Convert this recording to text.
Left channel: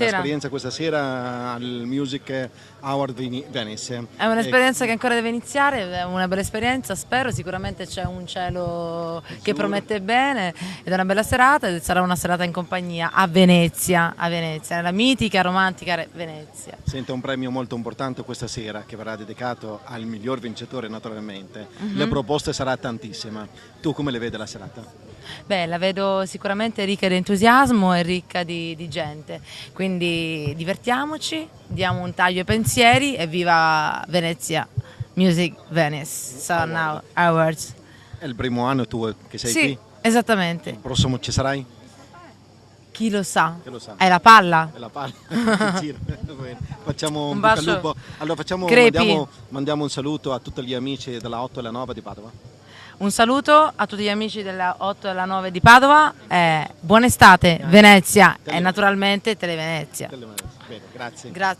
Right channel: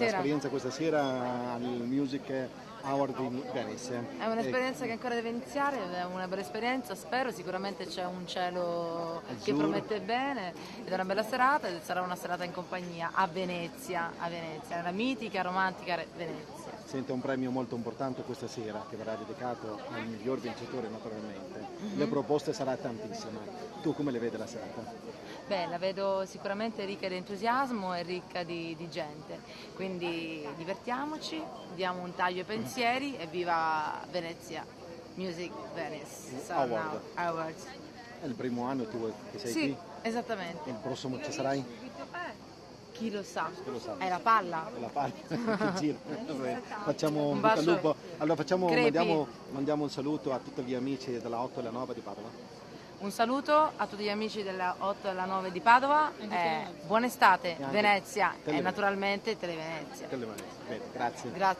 Buonasera. l'esperienza questa sera al Music Award di Venice. È un'esperienza che ancora deve iniziare, è una bella esperienza, spero, sicuramente c'è un cielo che promette bene ed è una bella serata ed sarà una serata in compagnia a Venezia, nella mitica, romantica Venezia. Sente, un premio molto importante questa sera che verrà dedicato al miglior vincitore naturalmente. Le proposte sarà tantissima. Tu come le vedi la serata? Beh, la vedo sicuramente ricca di entusiasmo e ricca di gente, quindi divertiamoci, diamo un taglio ai pensieri e viva Venezia Music Venice Sun Awards. È il primo anno tu che sei Sì, qui? esattamente. Il prossimo ci sarai? Chi lo sa? Chi lo sa? È la palla. È la palla. Facciamo Un bocca al bacio. lupo. Allora Crepi. mandiamo un saluto a tutti gli amici della 8 e la 9 di Padova. Un saluto a tutti gli amici della 8 e la 9 di Padova, buona estate Venezia e naturalmente Televenezia. Grazie. Grazie.